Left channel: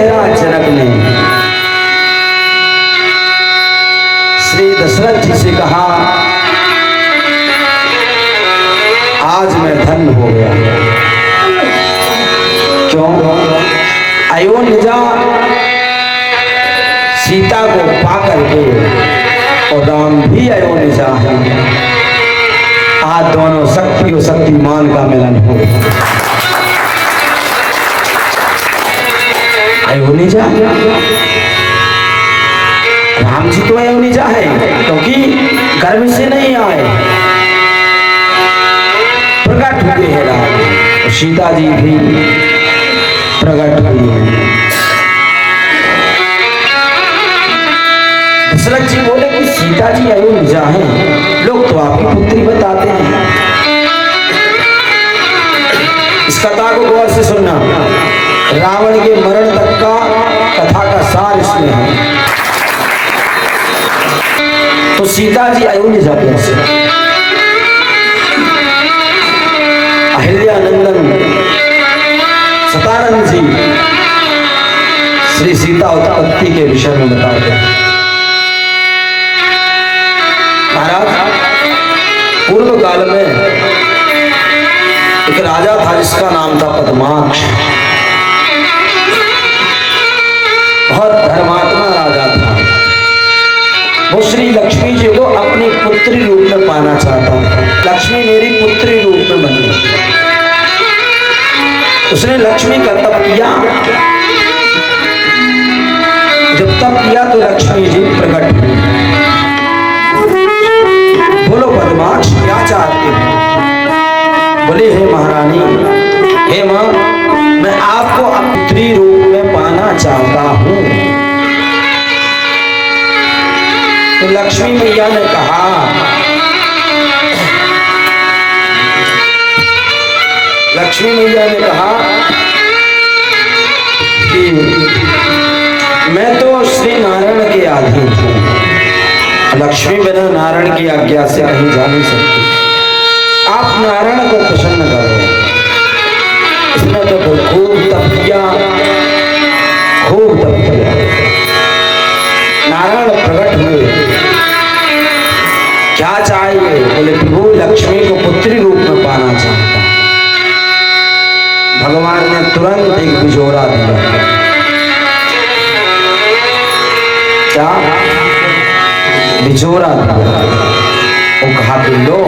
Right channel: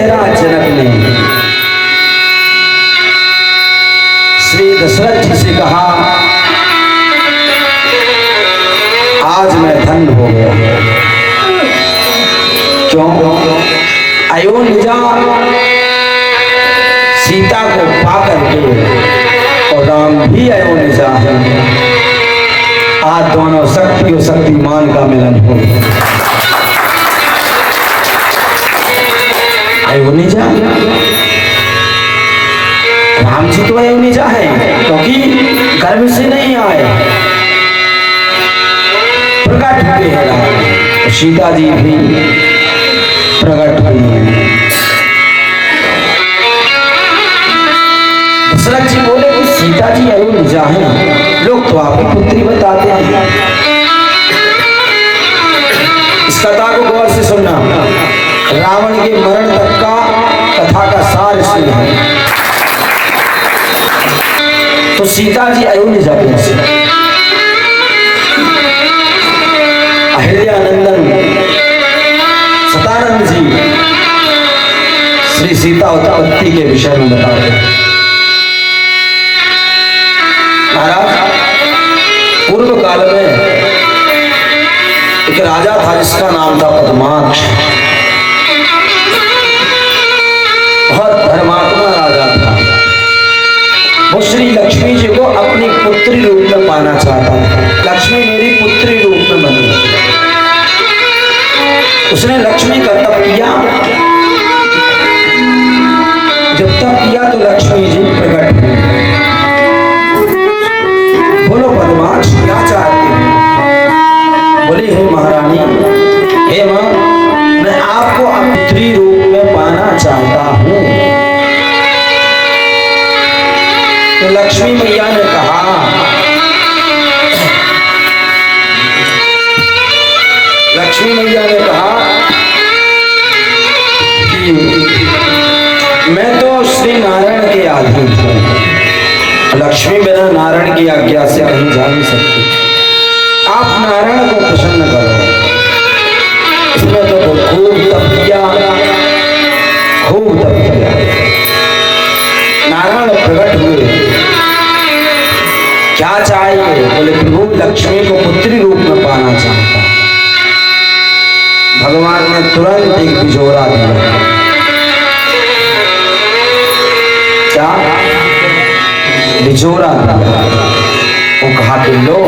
देहराज जनक ने श्री दशरथ जी से कहा, आज मैं धन्य हो गया। क्यों? अयोनिजा सीता को पा करके और राम भी अयोनिजा है। आज दोनों शक्ति और शक्तिमान का मिलन हो गया। अयोनिजा, राम जी तो अयोनिजा है क्योंकि गर्भ से नहीं आए, प्रकट हुए हैं राम। और सीता जी भी प्रकट हुई है। दशरथ जी बोले कि सीता जी अयोनिजा हैं, लोग तो आपकी पुत्री बताते हैं। इस कथा को गौर से सुनना। रावण के मरण तक का कथा का सार इसमें है। तो सीता जी अयोनिजा कैसे? अहिल्यानंदन सतानंद जी श्री सीता उत्पत्ति के विषय में बताते हैं। महाराज, पूर्व काल में एक राजा था जिसका नाम था पद्माक्ष। बहुत धर्मात्मा राजा था। वो श्री लक्ष्मी जी को अपनी पुत्री रूप में पाना चाहता था। लक्ष्मी मेरी पुत्री रूप में बनी। उसने लक्ष्मी का तप किया। जब तप किया तो लक्ष्मी जी प्रकट हुई। बोलो पद्माक्ष, क्या चाहते हो? बोले, हे महारानी, हे मां, मैं आपको पुत्री रूप में पाना चाहता हूं। तो लक्ष्मी मैया ने कहा, लक्ष्मी मैया ने कहा कि मैं तो श्री नारायण के अधीन हूं। लक्ष्मी बिना नारायण की आज्ञा से कहीं जा नहीं सकती। आप नारायण को प्रसन्न करो। इसमें तो खूब तप किया, खूब तप किया। नारायण प्रकट हुए। क्या चाहिए? बोले, प्रभु लक्ष्मी को पुत्री रूप में पाना चाहता। भगवान ने तुरंत एक बिजोरा दिया। क्या? बिजोरा दिया। वो कहा कि लो,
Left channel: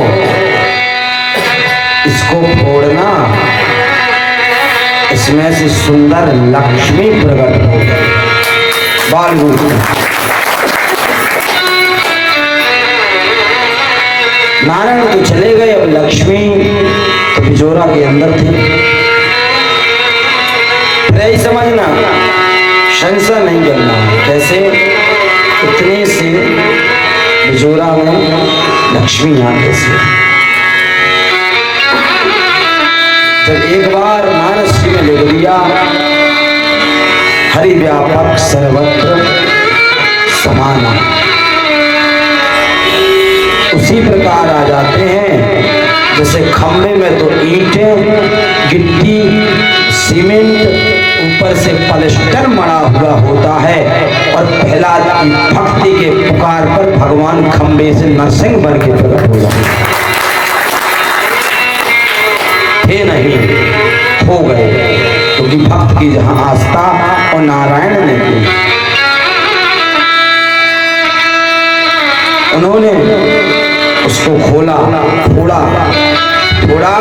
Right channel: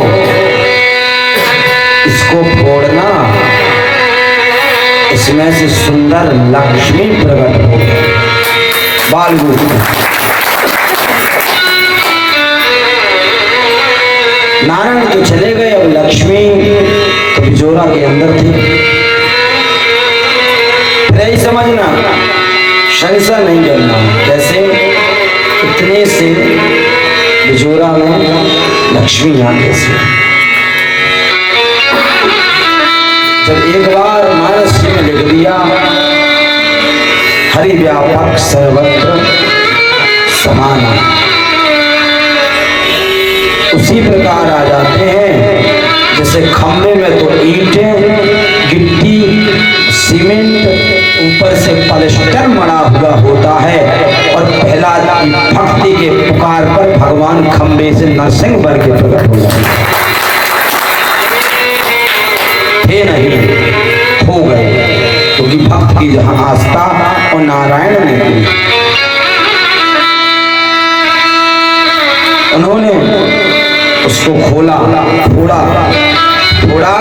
इसको फोड़ना, इसमें से सुंदर लक्ष्मी प्रकट हो गई। बाल नारायण तो चले गए, अब लक्ष्मी तो बिजोरा के अंदर थी। नहीं समझना, संशय नहीं करना। कैसे? इतने से बिजोरा में लक्ष्मी यहाँ कैसे? जब एक बार मानस जी ने लिख दिया, हरि व्यापक सर्वत्र समाना, उसी प्रकार आ जाते हैं। जैसे खंभे में तो ईंटें, गिट्टी, सीमेंट, ऊपर से पलस्तर मरा हुआ होता है और पहला भक्ति के पुकार पर भगवान खंभे से नरसिंह बन के प्रकट हो जाते थे। नहीं हो गए, क्योंकि भक्त की जहां आस्था और नारायण ने की, उन्होंने उसको खोला, थोड़ा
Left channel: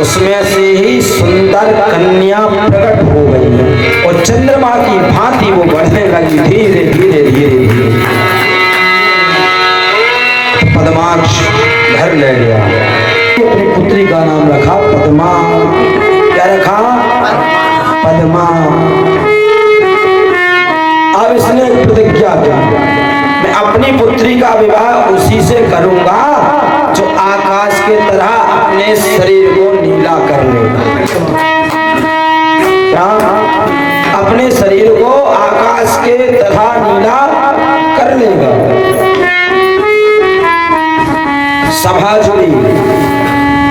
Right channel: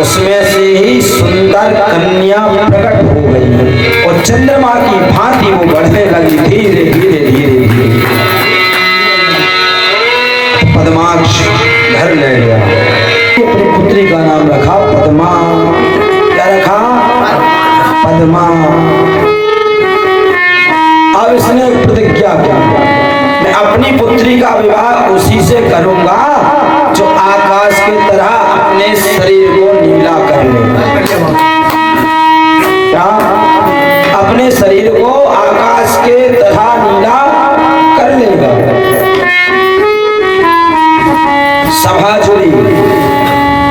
उसमें से ही सुंदर कन्या प्रकट हो गई और चंद्रमा की भांति वो बढ़ने लगी धीरे धीरे धीरे धीरे। पद्माक्ष घर ले गया। अपनी पुत्री का नाम रखा पद्मा। क्या रखा? पद्मा। अब इसने प्रतिज्ञा की, मैं अपनी पुत्री का विवाह उसी से करूंगा जो आकाश की तरह अपने शरीर को नीला कर लेगा। क्या? अपने शरीर को आकाश के तरह नीला कर लेगा। सभा जुड़ी,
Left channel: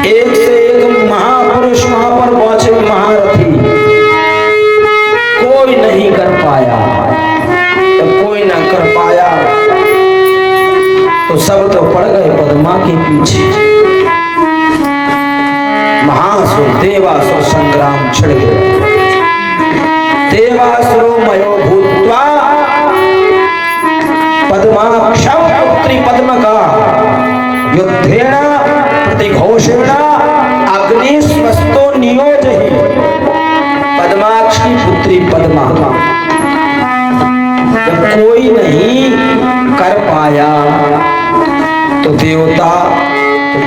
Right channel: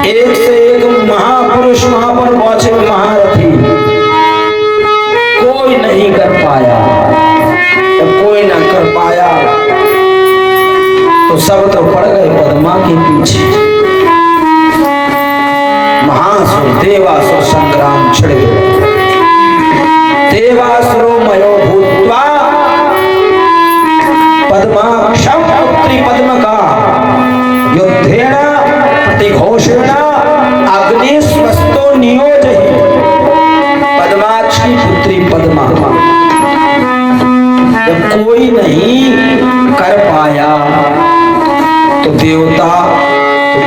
एक से एक महापुरुष वहां पर पहुंचे, महारथी। कोई नहीं कर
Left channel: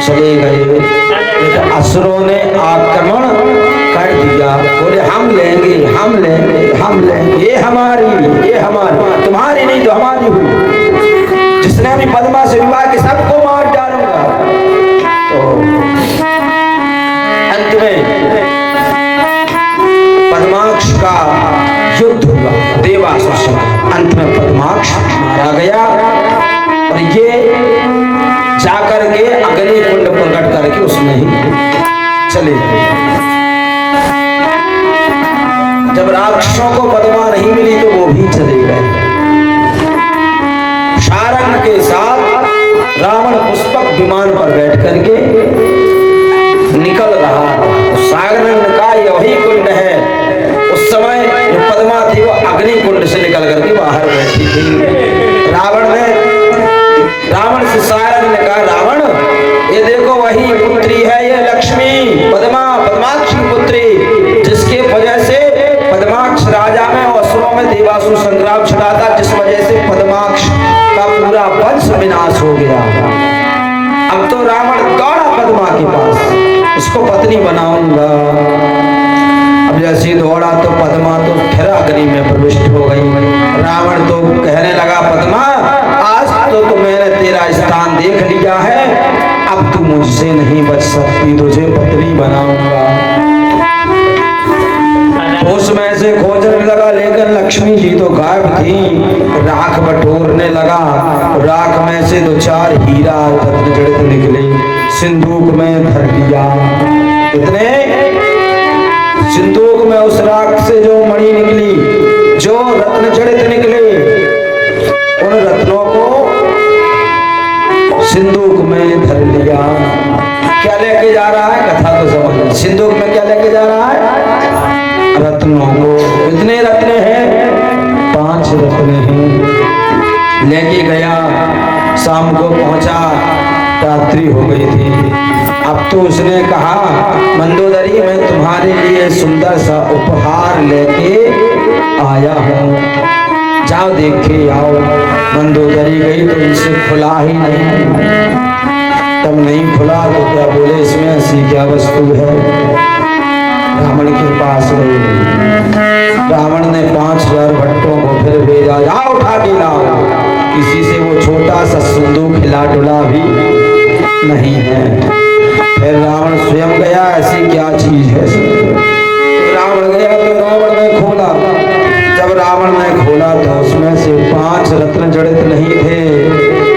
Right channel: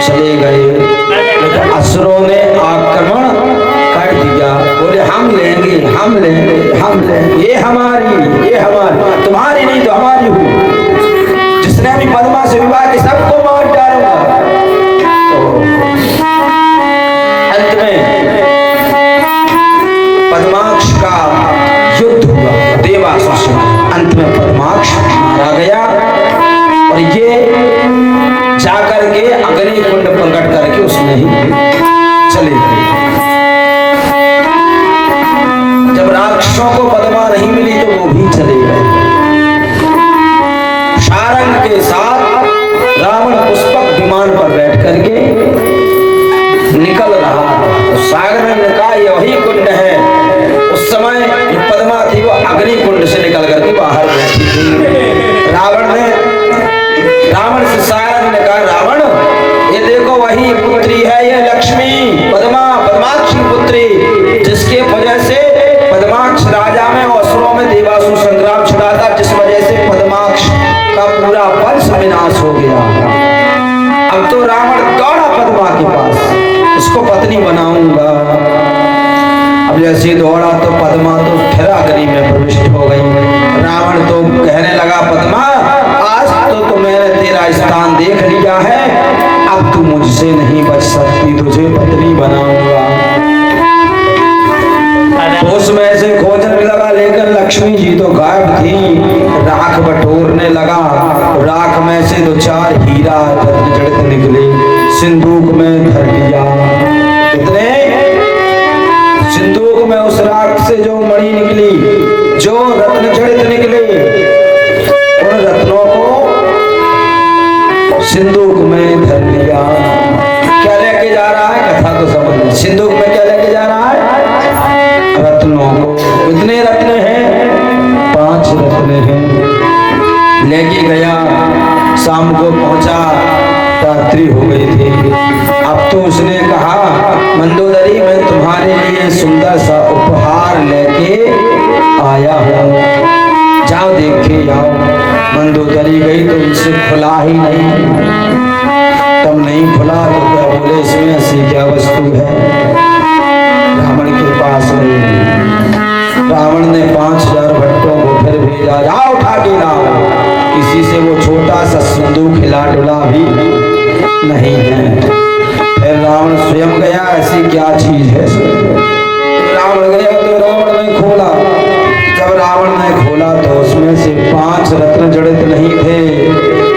चले गए, लेकिन असुरों ने आक्रमण कर दिया। बोले हम लेंगे, हम लेंगे, हम लेंगे, ये हमारी, तुम्हारी नहीं तो हमारी हुई। जिसने भी पद्मा से विवाह के सबको मार डालूंगा। तो अंत में पद्माक्ष का युद्ध हुआ देवासुर से। अंत में पद्माक्ष मारा गया और ये जाकर के अग्नि कुंड प्रकट करके उसमें ही चले गए। जब राक्षसों को पद्मा नहीं मिली तो वो भी चले गए। सारंग के साथ रावण पुष्पक विमान पर बैठ करके निकल रहा। तो सागर ने कहा यह वही कुंड है। उस समय जो पद्मा थी वो अग्नि कुंड से निकल करके बाहर बैठी थी। रावण से सारंग ने कहा रावण ये देखो वही पुत्री है, ये लक्ष्मी पद्माक्ष की पुत्री, जिसके वजह से पद्माक्ष राजा में और असुरों में देवासुर संग्राम छिड़ा था, जिस वजह से पद्माक्ष का पूरा वंश विनाश हो गया। अब तो रावण दौड़ा पद्मा के पास, इसको पत्नी बनाऊंगा। अब जैसे दौड़ा तो पद्मा तो फिर अग्नि में प्रविष्ट हो गई। रावण तो कहने लगा पद्मा आज तो मैंने तेरा स्थान देख लिया है, अब तू मुझसे नहीं बच सकती, तुझे पत्नी बनाऊंगा। उसमें से खोजने लगा, लेकिन लक्ष्मी जी तो गायब थी। राख बटोरने लगा, राख में से दो चार हीरा रत्न जड़ित निकले, सिंदूक में भर दिया। इतने सिंदूक में उस राख से जो मणि निकली, जो रत्न जड़ित निकले, उन रत्नों को सिंदूक में धर लिया। क्या लेके जा रहा है कथा तो समझ। सिंदूक में क्या लेके जा रहा है? रत्नों को। कितने रत्न हैं? 5 रत्न हैं। लेके गया, शाम को पहुंचा, रात्रि हो गई थी। अब तो उसने कहा मंदोदरी मैं तुम्हारे लिए सुंदर सा उपहार लेके आया हूँ, जाओ देख के आओ। मंदोदरी गई तो इसे खुला ही नहीं। तब नहीं खुला तो क्या बोले इसमें ऐसी क्या वस्तु है? रावण के पास गई। रावण ने 5000 भट्टों को फिर भेजा, जाओ उठा के लाओ। किसी से वो छोटा सा सिंदूक हिला डुला भी नहीं है। फिर रावण स्वयं गया, ऐसी क्या चीज है? रावण गया तो रावण ने खोला। जब रावण ने खोला तो उसमें से 5 रत्न जड़ित नहीं थे,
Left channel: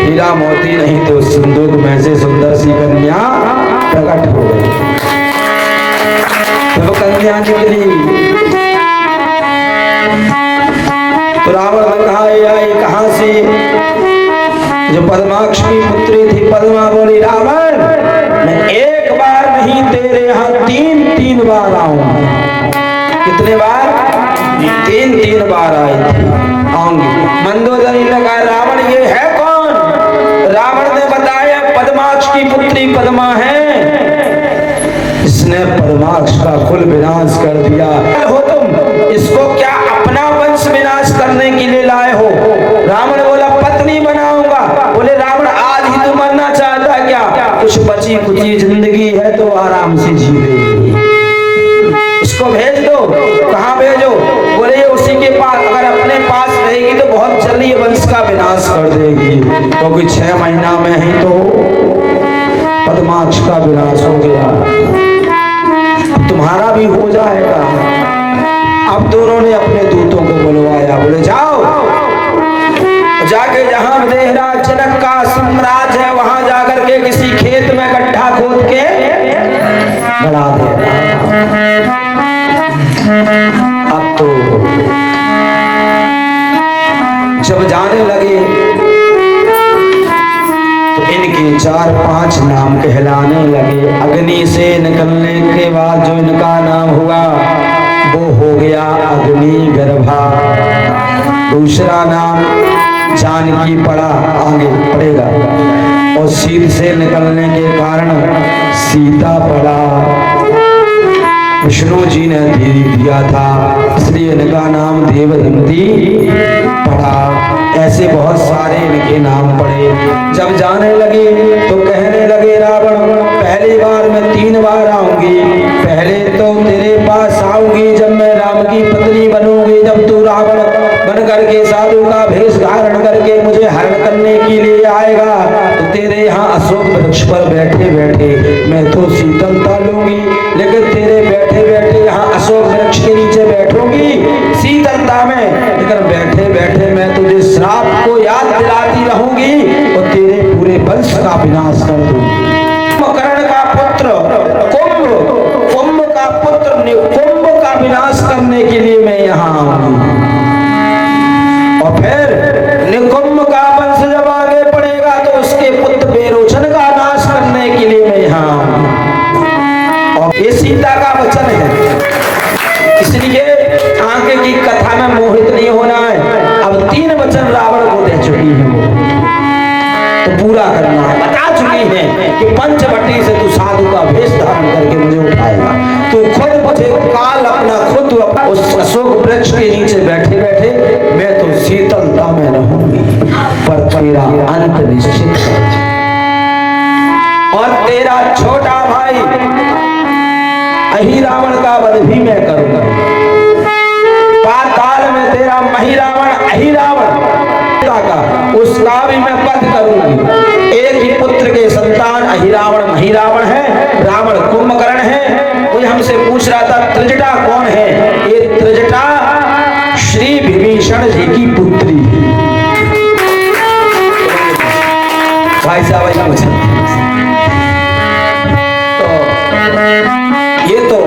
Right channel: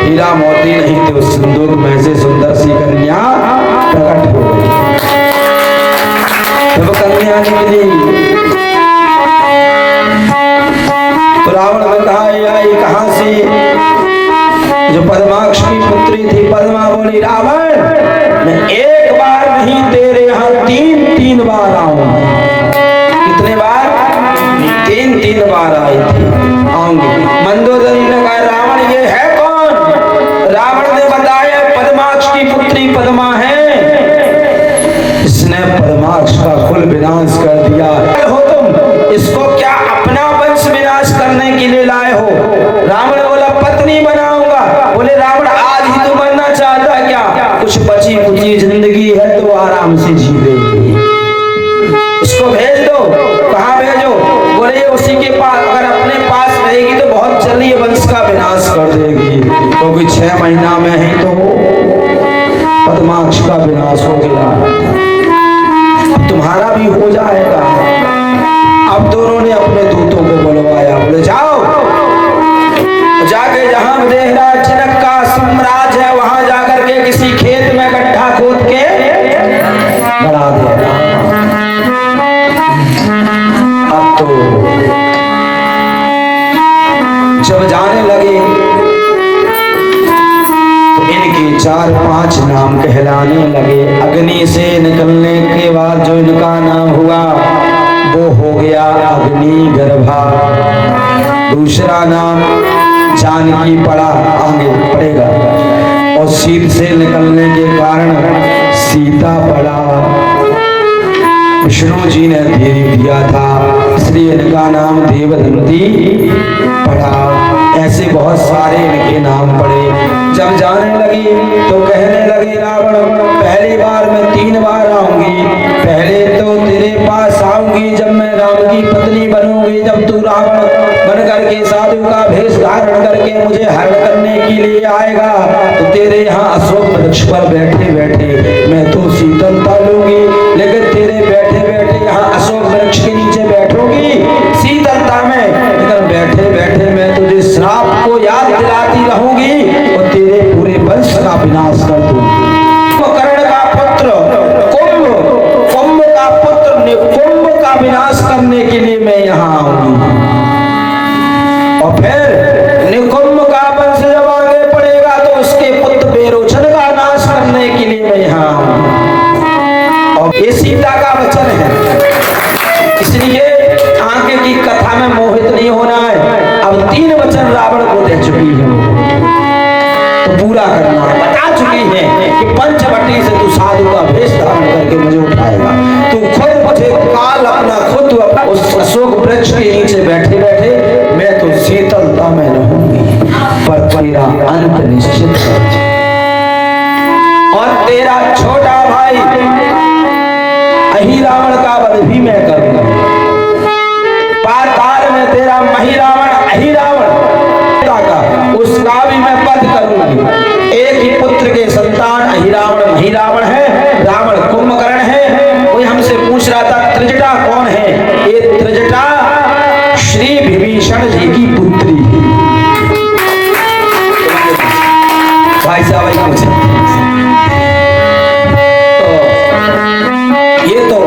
हीरा मोती नहीं, तो सिंदूक में से सुंदर सी कन्या प्रकट हो गई। तो कन्या निकली तो रावण ने कहा ये कहां से? जो पद्माक्ष की पुत्री थी पद्मा बोली रावण मैं एक बार नहीं तेरे यहाँ 3 बार आऊंगी। कितने बार? 3 बार आई थी, आऊंगी। मंदोदरी ने कहा रावण ये है कौन? रावण ने बताया पद्माक्ष की पुत्री पद्मा है, इसने पद्माक्ष का कुल विनाश कर दिया। हो तुम इसको क्या अपना वंश विनाश करने के लिए लाए हो? रावण बोला पत्नी बनाऊंगा। बोले रावण आज ही तू मरना चाहता क्या? कुछ बची कुची जिंदगी है तो आराम से जीवे, इसको भेज दो। कहाँ भेजो? बोले उसी के पास, अगर अपने पास रहेगी तो बहुत जल्दी वंश का विनाश कर देगी, क्योंकि 6 महीना में ही तो पद्माक्ष का विनाश हो गया, अब तुम्हारा भी हो जाएगा। अब दोनों ने अपने दूतों को बुलवाया, बोले जाओ जाके जहां देहराज जनक का साम्राज्य है वहां जाकर के किसी खेत में गड्ढा खोद के गड़ा देना। अब तो जब जाने लगे तो इनके 4-5 नाम कहलाने लगे। अग्नि से निकलने के बाद जो इनका नाम हुआ वो हो गया अग्नि गर्भा। दूसरा नाम जानकी पड़ा, आगे पड़ेगा, और शीत से निकलने के कारण सीता पड़ा। विष्णु जी ने धीरे दिया था इसलिए इनका नाम देवदंती पड़ा। ऐसे बहुत सारे इनके नाम पड़े। जब जाने लगे तो कहने लगे रावण साधु का भेष धारण करके मुझे हरण करने के लिए आएगा तो तेरे यहाँ अशोक वृक्ष पर बैठे बैठे मैं तो शीतलता लूंगी, लेकिन तेरे बैठे बैठे यहाँ अशोक वृक्ष के नीचे बैठूंगी शीतलता में, लेकिन बैठे बैठे मैं तुझे श्राप को याद दिलाती रहूंगी और तेरे पूरे वंश का विनाश कर दूंगी। कर्ण का पुत्र कुंभ का पुत्र कुंभ का विनाश करने के लिए मैं यहाँ आऊंगी और फिर निकुंभ का वंश जब आगे पड़ेगा तो उसके पुत्र बेरोचन का नाश करने के लिए मैं यहाँ आऊंगी। और ये सीता का वचन है, इसलिए आगे की कथा में मोहित नहीं होना है। अब 3 वचन रावण को दे चुकी है तो पूरा करना है, बता चुकी है कि पंचवटी से तू साधु का भेष धारण करके मुझे उठाएगा, तू खुद मुझे काल अपना खुद उस अशोक वृक्ष के नीचे बैठे बैठे मैं तो शीतलता में रहूंगी, पर तेरा अंत निश्चित है। और तेरा छोटा भाई अहिरावण का वध भी मैं करूंगा, पाताल में तेरा महिरावण अहिरावण का उसका भी मैं वध करूंगी। एक ही पुत्र के संतान अहिरावण महिरावण है, रावण कुंभकर्ण है। कोई हमसे पूछ रहा था त्रिजटा कौन है, ये त्रिजटा श्री विभीषण जी की पुत्री भाई साहब पूछे तो ये तो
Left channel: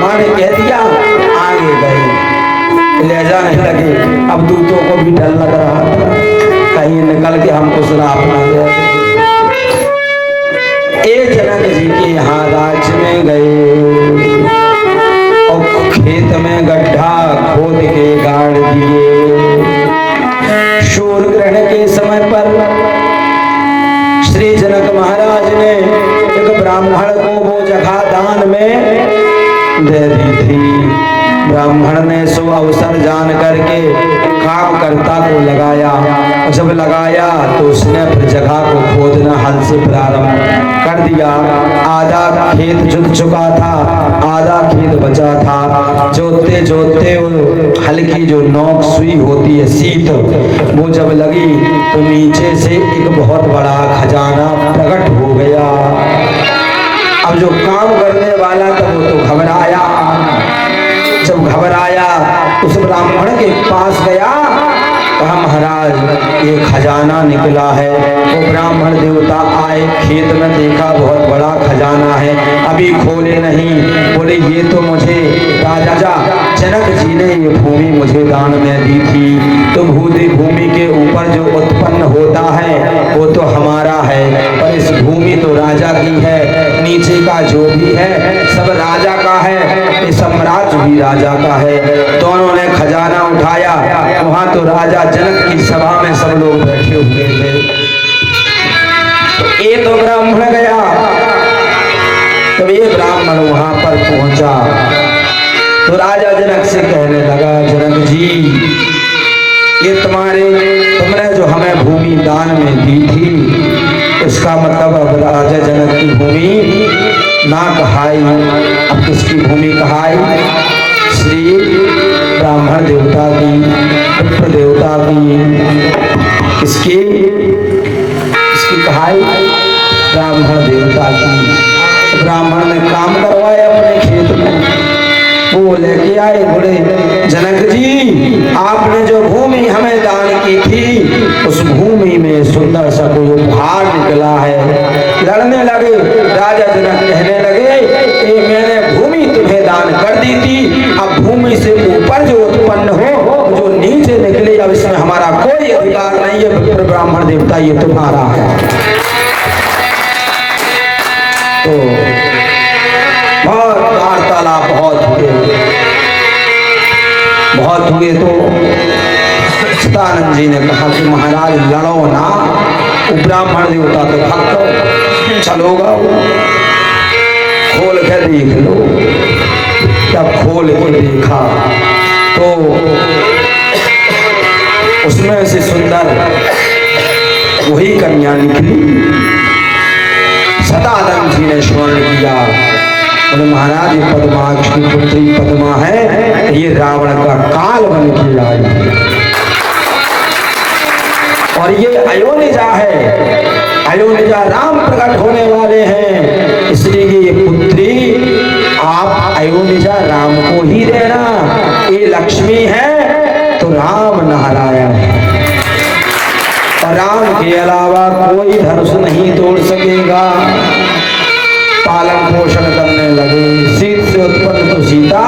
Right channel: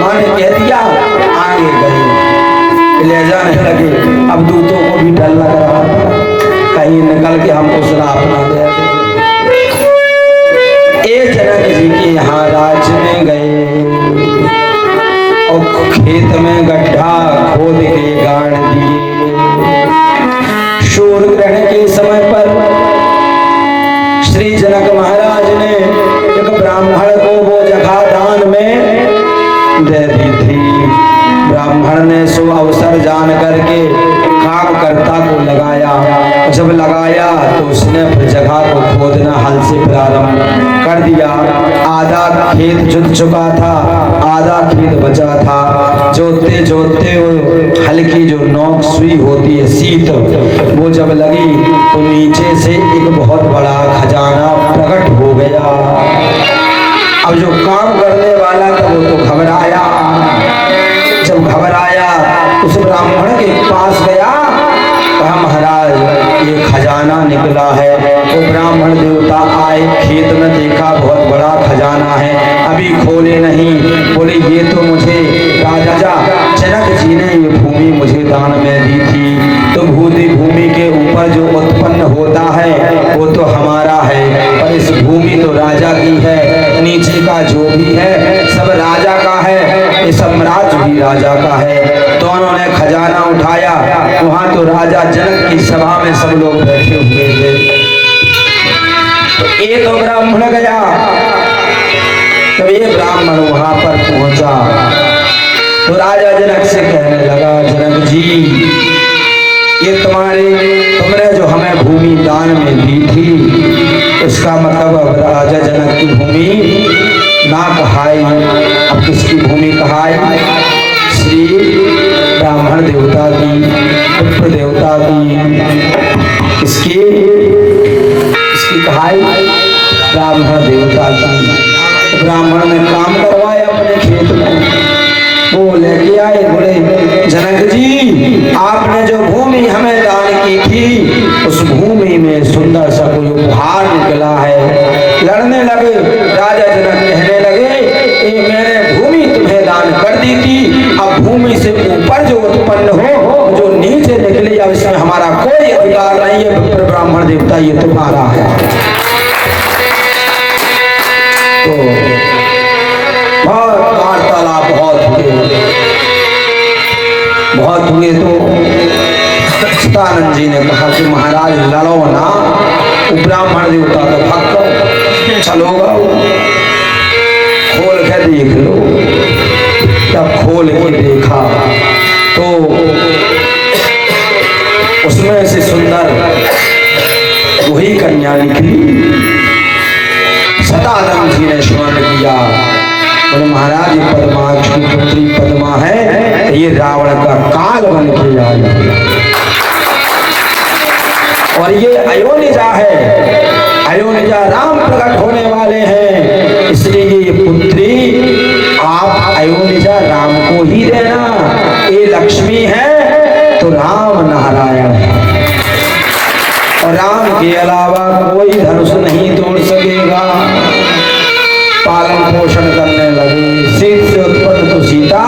मां ने कह दिया, आगे गए ले जाने लगे। अब दूतों को भी डर लग रहा था कहीं निकल के हमको श्राप ना दे। एक जनक जी के यहाँ राज्य में गए और खेत में गड्ढा खोद के गाड़ दिए। सूर्य ग्रहण के समय पर श्री जनक महाराज ने एक ब्राह्मण को वो जगह दान में दे दी थी। ब्राह्मण ने सो अवसर जान करके कामकर्ता को लगाया, जब लगाया तो उसने अपनी जगह को खोदना हल से प्रारंभ कर दिया। आधा खेत जुत चुका था, आधा खेत बचा था। जोतते जोतते हल्की जो नोक सुई होती है शीत, वो जब लगी तो नीचे से एक बहुत बड़ा खजाना प्रकट हो गया। अब जो काम करने वाला था वो तो घबराया, जब घबराया उस ब्राह्मण के पास गया, कहा महाराज ये खजाना निकला है। वो ब्राह्मण देवता आए, खेत में देखा बहुत बड़ा खजाना है, अभी खोले नहीं। बोले ये तो मुझे राजा जनक जी ने ये भूमि मुझे दान में दी थी, तो भूमि के ऊपर जो उत्पन्न होता है वो तो हमारा है, पर इस भूमि तो राजा की है, नीचे का जो भी है सब राजा का है, ये साम्राज्य भी राजा का है। दोनों ने खजाना उठाया, वहां तो राजा जनक की सभा में सब लोग बैठे हुए थे। तो एक ब्राह्मण गया, तो ये ब्राह्मण वहां पर पहुंचा तो राजा जनक से कहने लगा, जनक जी ये तुमने जो हमें भूमि दान में दी थी, उसका मतलब अब राजा जनक की भूमि ना कहाई, अब किसकी भूमि कहाई? श्री ब्राह्मण देवता की, पुत्र देवता की, इसकी कहाई ब्राह्मण देवता की। ब्राह्मण ने काम करवाया अपने खेत में, वो लेके आए, बोले जनक जी आपने जो भूमि हमें दान की थी उस भूमि में सुंदर सा कोई उपहार निकला है। लड़ने लगे, राजा जनक कहने लगे ये मैंने भूमि तुम्हें दान कर दी थी, अब भूमि से ऊपर जो उत्पन्न हो जो नीचे निकले अब इसमें हमारा कोई अधिकार नहीं है, ब्राह्मण देवता ये तुम्हारा है। तो बहुत हुए तो सतानंद जी ने कहा कि महाराज लड़ो ना, ब्राह्मण देवता तो भक्त चलोगा, खोल के देख लो। तब खोल के देखा तो उसमें से सुंदर वही कन्या निकली। सतानंद जी ने स्मरण किया, बोले महाराज ये पद्माक्ष की पुत्री पद्मा है, ये रावण का काल बन के आई। और ये अयोनिजा है, अयोनिजा राम प्रकट होने वाले हैं, इसलिए ये पुत्री आप अयोनिजा राम को ही देना। ये लक्ष्मी है तो राम नारायण है, राम के अलावा कोई धनुष नहीं तोड़ सकेगा। पालन पोषण करने लगे, सीत से उत्पन्न तो सीता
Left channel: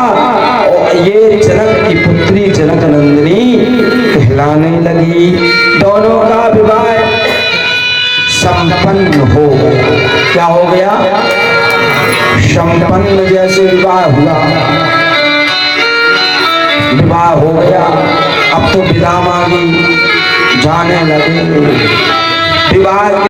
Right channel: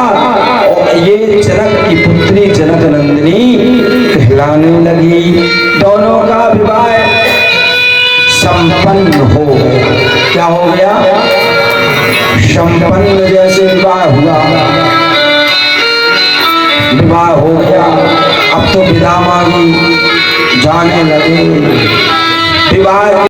और ये जनक की पुत्री जनक नंदिनी कहलाने लगी। दोनों का विवाह संपन्न हो, क्या हो गया? संपन्न, जैसे विवाह हुआ, विवाह हो गया। अब तो विदा मांगी, जाने लगे। विवाह